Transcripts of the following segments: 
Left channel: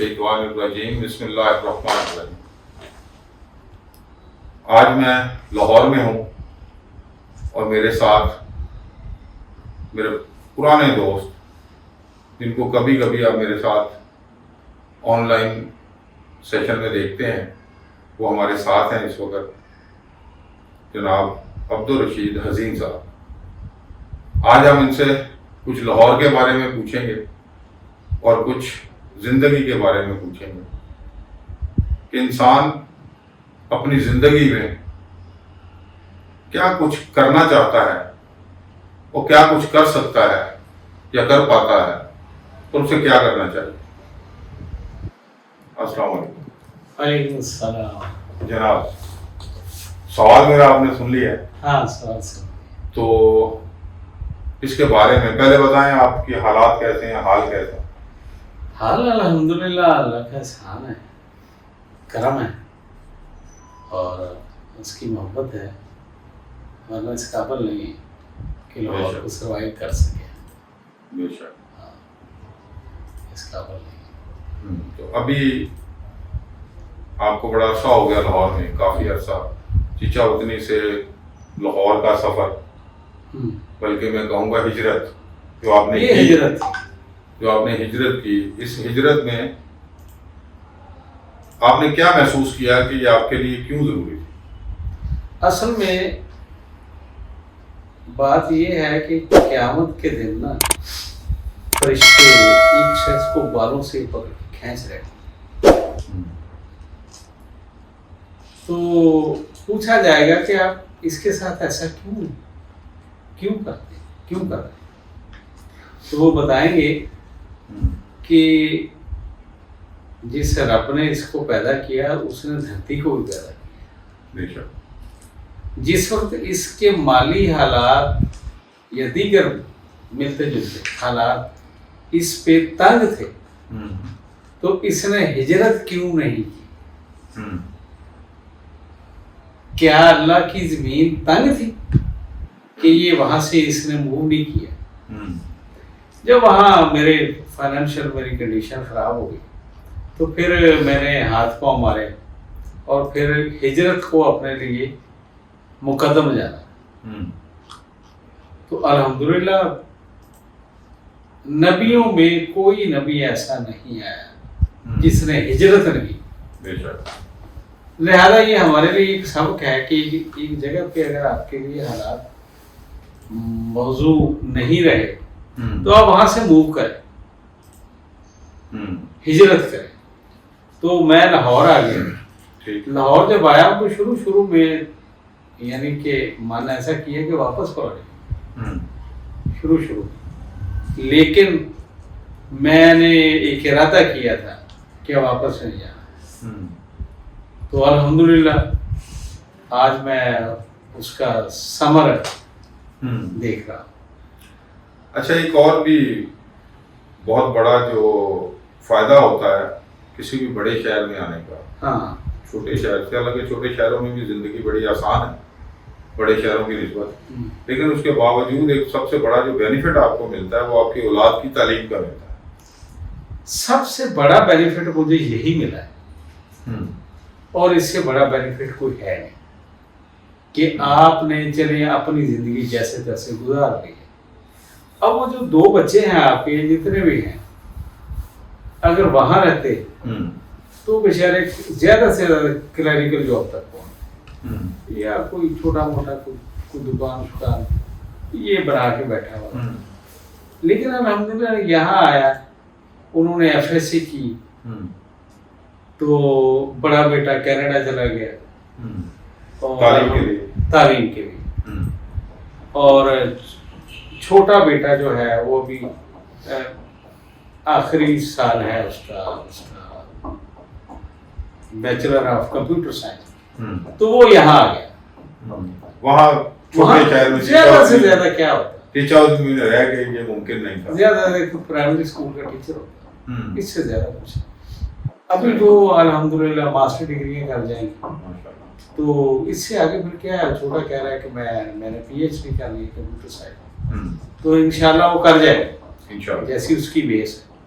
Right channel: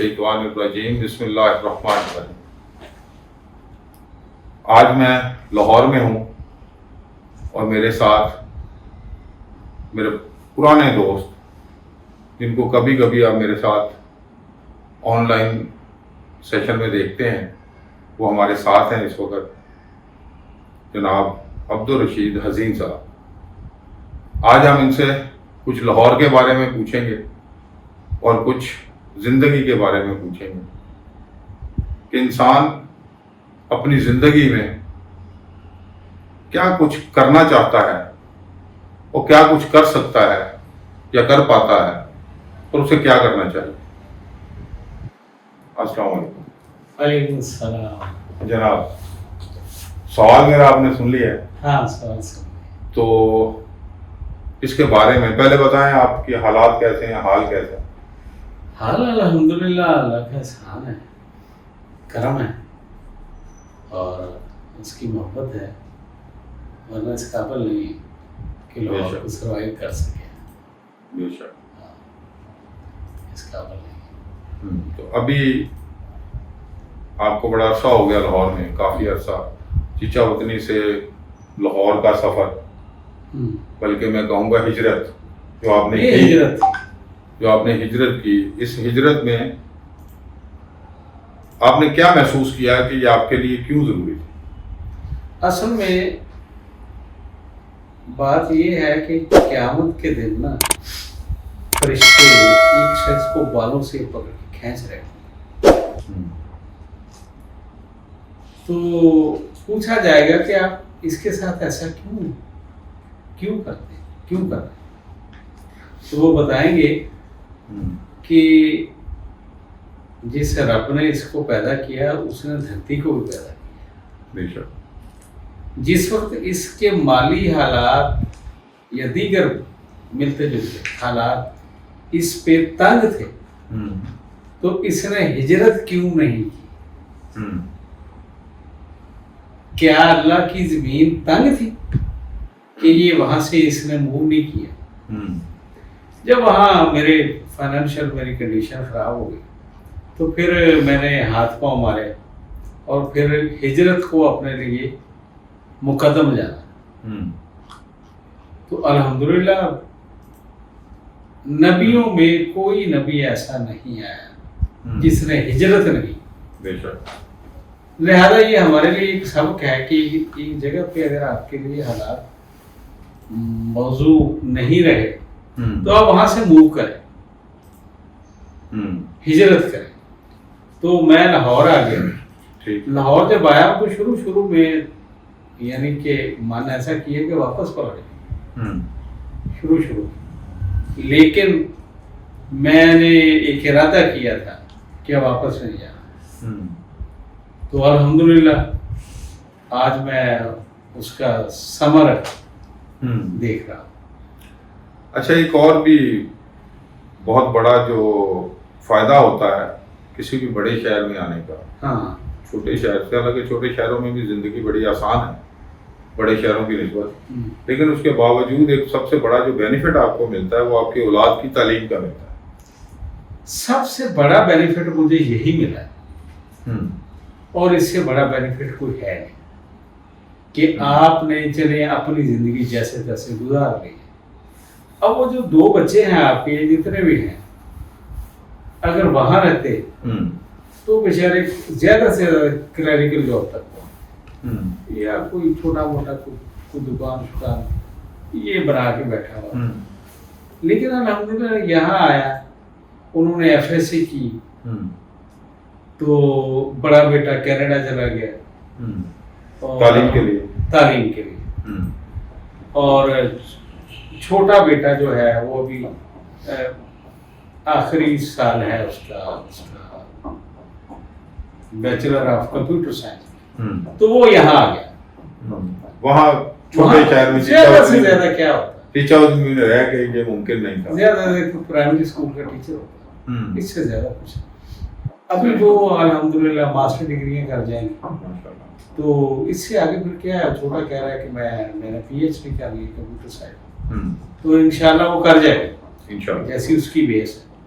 الشیطان الرجیم بسم اللہ الرحمن الرحیم۔ آج میں لاہور میں ہوں اور میرے ساتھ میرے پرانے دوست جن کو کبھی کبھی آپ میرے ساتھ آن لائن سیشن میں دیکھتے ہیں وہ ہمارے ساتھ ہیں اس وقت، جناب عبدالرشید حزین صاحب۔ آج ہم ان سے کچھ لاہور کے بارے میں پوچھیں گے اور کچھ زندگی کے بارے میں پوچھیں گے کہ انسان اپنی زندگی میں کیا کچھ کرنا چاہتا ہے اور کیا کچھ کر سکتا ہے یا کر پاتا ہے اور اسے کیا کرنا چاہیے۔ السلام علیکم۔ وعلیکم السلام۔ جناب، سوال میرا آپ نے سن لیا ہے؟ ہاں سوال سے تو اس کے بارے میں پہلے بتائیں آپ کے حالات کیسے ہیں، حال کیسا ہے؟ حال الحمدللہ اللہ کا احسان ہے، کرم ہے اور اس کی محبت ہے، ورنہ اس قابل نہیں کہ لوگ کو سروائیو کر سکے۔ بے شک ہاں، اس قابل نہیں۔ تو ابھی آپ کو بڑا عرصہ ہو گیا لاہور میں، کافی عرصہ، چچا وطنی سے لاہور کا سفر، بلکہ میں کہوں گا ہجرت جو آپ نے کی، ہجرت کی، اس ہجرت میں آپ نے کیا محسوس کیا کہ یہ آپ کے لیے کیوں ضروری تھی؟ اصل میں بات یہ ہے کہ قیامت کے دن نا فرشتے ایک شخص کو بالوں سے پکڑ کے کھینچ رہے ہیں، تو پوچھا جائے گا کہ آپ اس کے ساتھ ایسا کیوں کرتے ہیں؟ تو وہ بتائیں گے کہ جس رب نے اس کو پیدا کیا اس نے دھرتی کو بھی پیدا کیا۔ بے شک۔ جس وقت اس کے مالی حالات یا دیگر ملتے جلتے حالات اس پہ تنگ تھے تو اس نے ہجرت کیوں نہیں کی؟ کیا اللہ کی زمین تنگ تھی کہ یہ وہاں سے اس نے موو نہیں کیا؟ جب وہاں میرے فائنینشیل میری کنڈیشن خراب ہو گئی تو پھر میں نے ہاتھ پاؤں مارے اور پھر ہجرت کو اپنے لیے مقدم جانا۔ تو الحمدللہ نبیوں میں کوئی نبی ایسا نہیں آیا جس نے ہجرت نہیں۔ بے شک۔ لہذا یہ ہمارے لیے ایک سبق ہے کہ ایک جگہ پہ اگر آپ کے لیے حالات موضوع نہیں رہے تو آپ وہاں سے موو کریں، ہجرت کریں۔ تو میں لاہور آ گیا۔ لاہور جب آیا تو شروع میں یعنی کہ من ایسا کیا کہ واپس پلٹ شروع لیکن میں نے ایک ارادہ کیا تھا کہ واپس نہیں جانا۔ تو الحمدللہ آج میں اس کا ثمر دیکھ رہا ہوں۔ اچھا، ایک اور بھی بہت بڑا جو فائدہ ہوتا ہے کسی بھی بڑے شہر میں آنے کا، ہاں، چھوٹے شہر سے، حالانکہ چھوٹے شہروں میں بھی زندگی بڑی آسان ہے بڑے شہروں کی نسبت، لیکن اس کے باوجود ایک سب سے بڑا جو بینیفٹ آپ کو ملتا ہے وہ آپ کی اولاد کی تعلیم کا ملتا ہے۔ سب سے بڑا بینیفٹ مجھے یہی ملا ہے اور اس سے بڑا بینیفٹ کوئی ہے نہیں کہ آپ نے چلے اپنی زندگی جیسے تیسے گزار گئی۔ اب وہ جو 2 بچے ہیں آپ کے جتنے بھی ہیں، اگر وہاں رہتے تو بیچارے زیادہ سے زیادہ کلیریکل جاب تک پہنچ، یا کوئی چھوٹا موٹا کوئی دکان یہ بنا کے بیٹھا ہوا۔ لیکن الحمدللہ یہاں آیا، انہوں نے FSC کی تو بڑا بیٹا کینیڈا چلا گیا تعلیم کے لیے، اور چھوٹا بیٹا جو ہے وہ بھی آخری سال ہے اس کا بیچلر آف کمپیوٹر سائنس، تو وہ یہاں آ گیا۔ وہاں چھوٹے شہر میں زیادہ سے زیادہ کیا ہوتا ہے، ٹیچر میں رہ کے یہ ممکن نہیں تھا، زیادہ پرائمری اسکول کا ٹیچر ہوتا ہے، اس سے زیادہ کچھ۔ ابھی جو الحمدللہ ماسٹر ڈگریاں کر جائیں گے تو اس سے آگے پھر کیا ہے، چھوٹا کہہ رہا ہے کہ میں نے PhD کرنی ہے کمپیوٹر سائنس، تو انشاءاللہ وہ کر جائے گا جیسی اس کی بیس ہے۔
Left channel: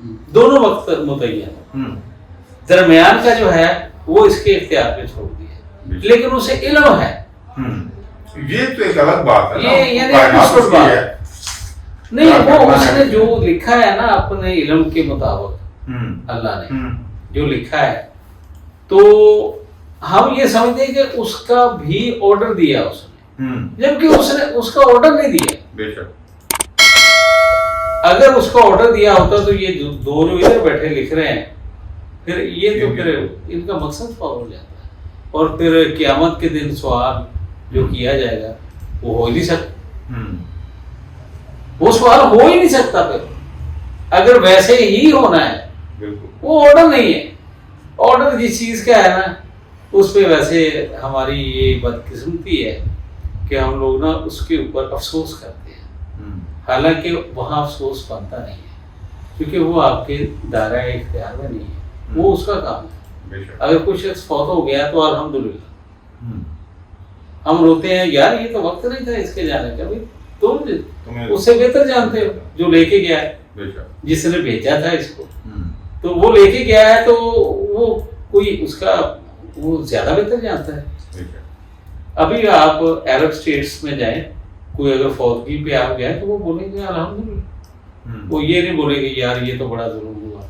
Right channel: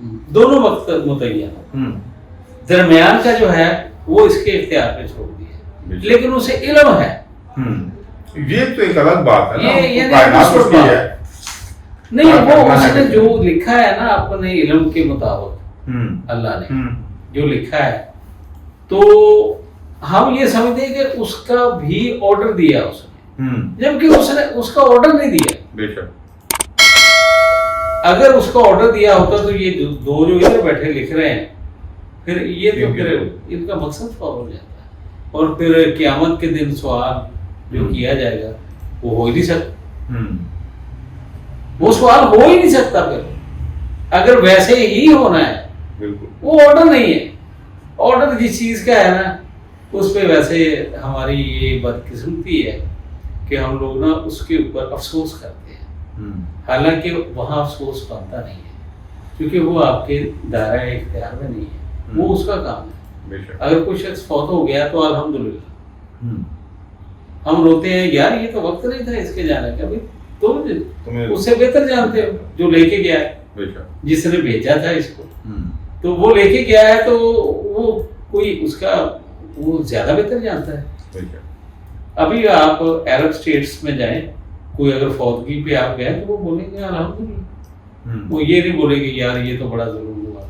دونوں وقت متعین، ہوں، درمیان کا جو ہے وہ اس کے اختیار پہ چھوڑ دیا، لیکن اسے علم ہے۔ ہوں، یہ تو ایک الگ بات ہے نا، یہ اس کو یعنی کائنات اس کی ہے۔ نہیں، کیا وہ کرنا اس ہے؟ نے جو لکھا ہے نا اپنے علم کے مطابق، ہوں، اللہ نے ہوں، جو لکھا ہے، تو ہم یہ سمجھتے ہیں کہ اس کا بھی آرڈر دیا اس نے، ہوں، جبکہ اس نے اس کا آرڈر نہیں دیا۔ بے شک، اگر اس کا آرڈر دیا ہوتا تو یہ جو دو لوگ ادھر بیٹھے لکھ رہے ہیں، پھر یہ تو پھر ان کا مقصد فالو ہو جاتا ہے، اور پھر قیامت کے دن سوال جو کیا جائے گا وہ ہو ہی نہیں سکتا، ہوں، وہ سوال ہو ہی نہیں سکتا پھر، اگر ویسے ہی ہونا ہے۔ بالکل، وہ آرڈر نہیں ہے، آرڈر جس چیز کا ہے نا اس پہ ویسے ہماری یہ بدقسمتی ہے کہ ہم لوگ نا اس کے اوپر افسوس کرتے ہیں، ہوں، حالانکہ وہاں افسوس بنتا نہیں ہے، کیونکہ وہ آپ کے دائرۂ اختیار میں نہیں ہے، وہ اس کا کام ہے۔ بے شک، اگر کوئی شخص فوت ہو گیا تو الحمدللہ ہوں، ہم روتے ہیں، یار یہ تو وقت نہیں تھا اس کے جانے کا، بھی تمہیں اس سے بہتر جانتے ہو جو لے کے گیا ہے، بے شک، جس نے بھیجا تھا اس کو، ہوں، تو وہ لے کے گیا ہے تو وہ کوئی اس کا وہ زیادہ بہتر جانتا ہے۔ بے شک، ابھی آپ عرب اسٹیٹس میں جائیں، کوئی اگر فوتگی پہ آپ گئے تو وہ بولیں گے الحمدللہ، ہوں، وہ یہ نہیں بولے گے یار یہ تو بڑا ظلم ہوا،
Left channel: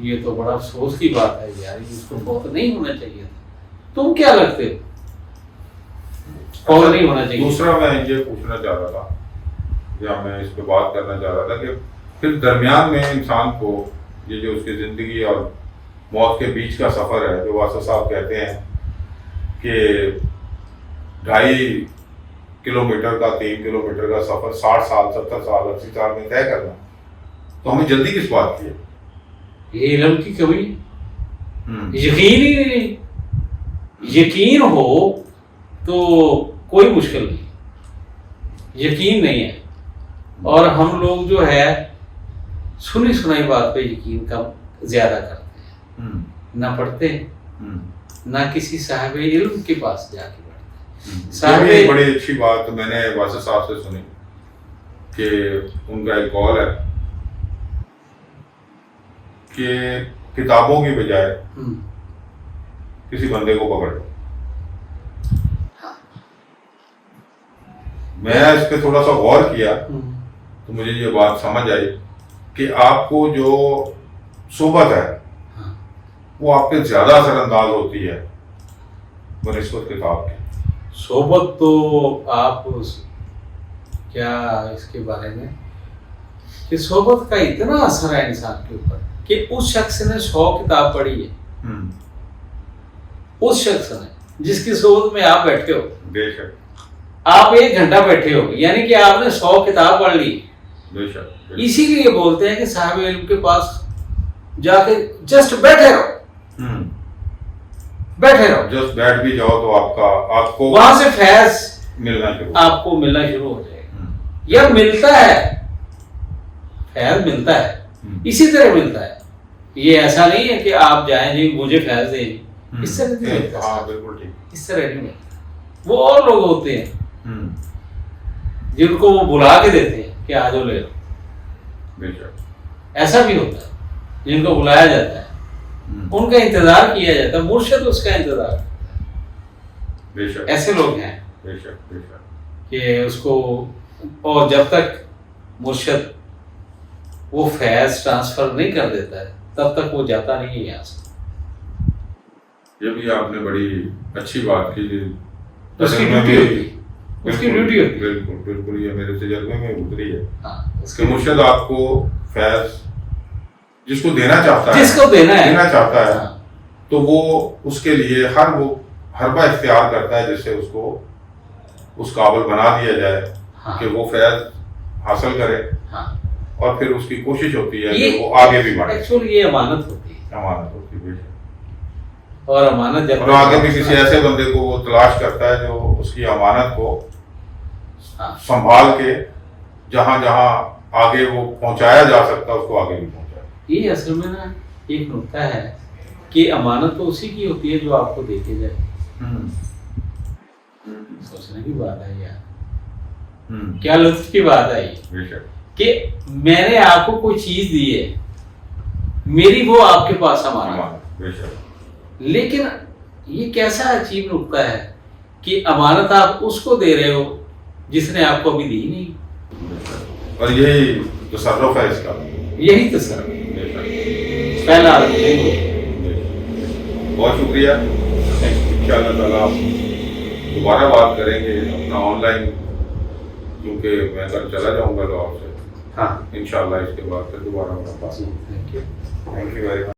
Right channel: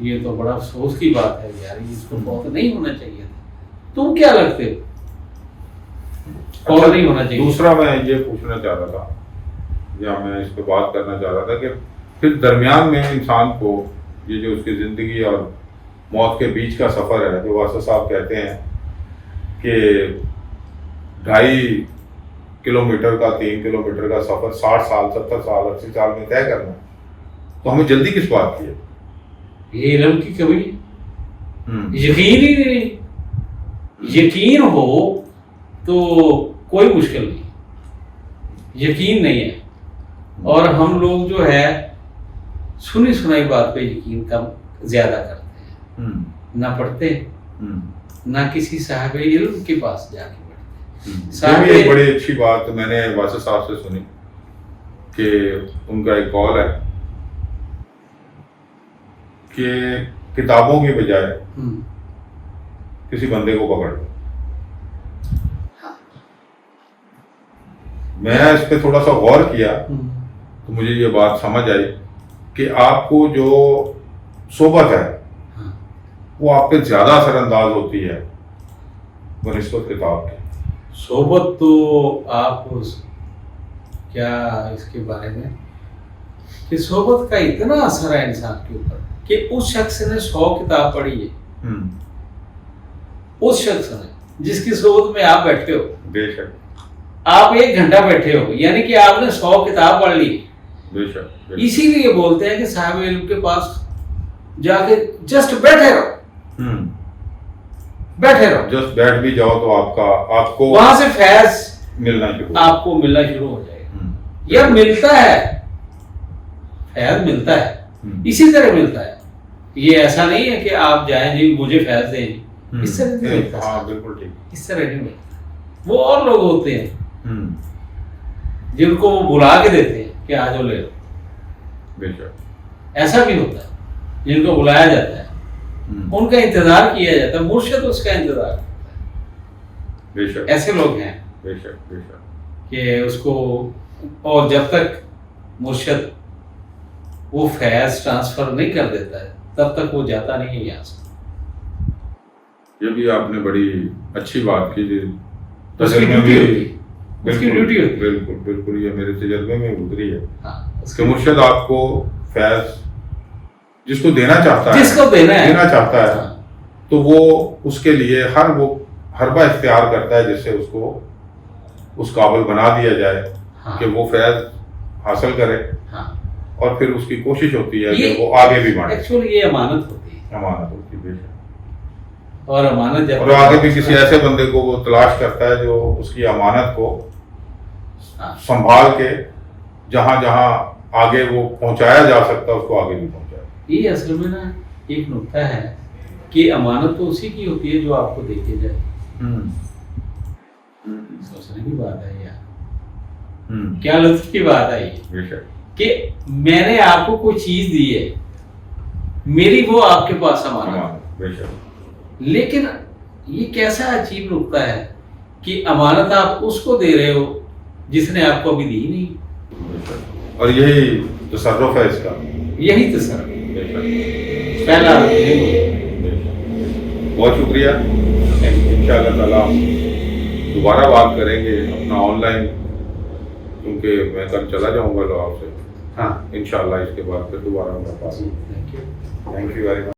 یہ تو بڑا افسوس کی بات ہے یار، اس کو فوت نہیں ہونا چاہیے تھا، تم کیا لگتے ہو فوت نہیں ہونا چاہیے؟ دوسرا میں یہ پوچھنا چاہ رہا تھا، یا میں اس پہ بات کرنا چاہ رہا تھا کہ پھر درمیان میں انسان کو یہ جو اس کی زندگی اور موت کے بیچ کا سفر ہے، جو واسطہ صاحب کہتے ہیں کہ 2.5 کلومیٹر کا 3 کلومیٹر کا سفر 60 سال 70 سال 80 سال میں طے کرنا ہے، تو ہمیں جلدی کس بات کی ہے؟ یہ علم کی کمی، ہوں، یقین ہی نہیں، یقین ہو تو کوئی مشکل نہیں، یقین نہیں ہے، اور ہم لوگ جو ہے سنی سنائی بات پہ یقین کم زیادہ کرتے ہیں، ہوں، نہ پڑھتے ہوں، نہ کسی صاحب علم کے پاس جا کے بیٹھتے۔ یہ بھی ایک بڑی اچھی بات میں نے واسطہ صاحب سے سنی کہ ان کا ایک قول ہے کہ کتابوں کی بجائے کسی بندے کو پکڑ لو۔ میں اس پہ تھوڑا سا غور کیا تو مجھے یہ بات سمجھ آئی کہ آپ کو جو صحبت ہے وہ آپ پہ زیادہ اثر انداز ہوتی ہے بنسبت کتاب کی۔ صحبت تو آپ کیا اس کے بارے میں کہ صحبت کا اتنا اثر ہے انسان کے اوپر کہ اس شخص نے 100 کتاب پڑھی ہے، اس شخص نے جس کی صحبت میں آپ بیٹھے ہو، بے شک، آپ 1 گھنٹہ بیٹھے ہو، یعنی کہ آپ نے 100 کتاب پڑھ لی۔ بے شک، اسی لیے بولتے ہیں کہ صاحب علم کے پاس جا کے جسٹ بیٹھے رہو، بیٹھے رہو، جسٹ بیٹھ بھی جاؤ تو آپ کو وہاں سے فیض ملنا شروع آپ کو ملنا شروع ہو جائے گا، یا ملتا ہے، فیض ملتا ہے، اسی طرح ملتا ہے، یہ ایسا نہیں ہے کہ آپ جائیں جی مجھے فیض دیں جی، اس طرح نہیں ملتا، ہاں بالکل ٹھیک، اس طرح نہیں ملتا۔ وہ اور لوگ ہوتے ہیں جن کو وہ بلا کے دیتے ہیں کہ آ جاؤ لے لو، بے شک، ایسا بھی ہوتا ہے جن کو بلایا جاتا ہے، ان کا انتظار کیا جاتا ہے، مرشد اس کا انتظار کرتا ہے، بے شک، ایسے لوگ ہیں بے شک، بے شک، کہ اس کو، اور جب تک مرشد وہ فیض ٹرانسفر نہیں کر دیتا ہے تب تک وہ جاتا نہیں ہے یہاں سے۔ یہ بھی آپ نے بڑی اچھی بات کی، اس کی ڈیوٹی ہوتی ہے، اس کی ڈیوٹی ہوتی ہے، بالکل بالکل، یہ میرے تجربے میں اتری ہے ہاں، اس کہ کی مرشد آپ کو فیض جس کو دینا چاہتا ہے، جس کو دینا چاہتا ہے، ہاں، تو وہ اس کے لیے وہ حربہ اختیار کرتا ہے جس سے اس کو اس قابل بنا دیا جائے ہاں، کہ وہ فیض حاصل کرے، ہاں، اور پھر اس کی کوشش ہوتی ہے کہ وہ آگے بھی بڑھے، ایکچولی یہ امانت ہوتی ہے، امانت ہوتی ہے، اور امانت جب اور آگے بھی کسی ایسے بندے کو وہ تلاش کرتا ہے جو اس کی امانت کو ہاں، سنبھال کے جہاں جہاں آگے وہ پہنچایا جا سکتا ہے اس کو آگے بھی پہنچائے۔ یہ اصل میں نا ایک نقطہ ہے کہ امانت تو اسی کی ہوتی ہے جو آپ کو دے کے جائے، سوچنے کی بات ہے یار، کیا لطف کی بات ہے یہ بے شک، کہ میں نے آپ کو کوئی چیز دی ہے، میری وہ آپ کے پاس امانت ہے۔ امانت، بے شک، لیکن یہ کیسا عجیب نکتہ ہے کہ امانت آپ اس کو دے رہے ہو جس نے آپ کو ابھی دی نہیں، بے شک، اور یہی تصرف ہے اس کا، یہی تو سر بے شک، پہلا بے شک۔ بہت شکریہ، انشاءاللہ تعالیٰ دوبارہ بات کریں گے اپنا آن لائن، کیونکہ میں کل چلا جاؤں گا لاہور سے، ہاں انشاءاللہ اس کے بعد پھر دوبارہ ملاقات۔ جی thank you. Thank you very much.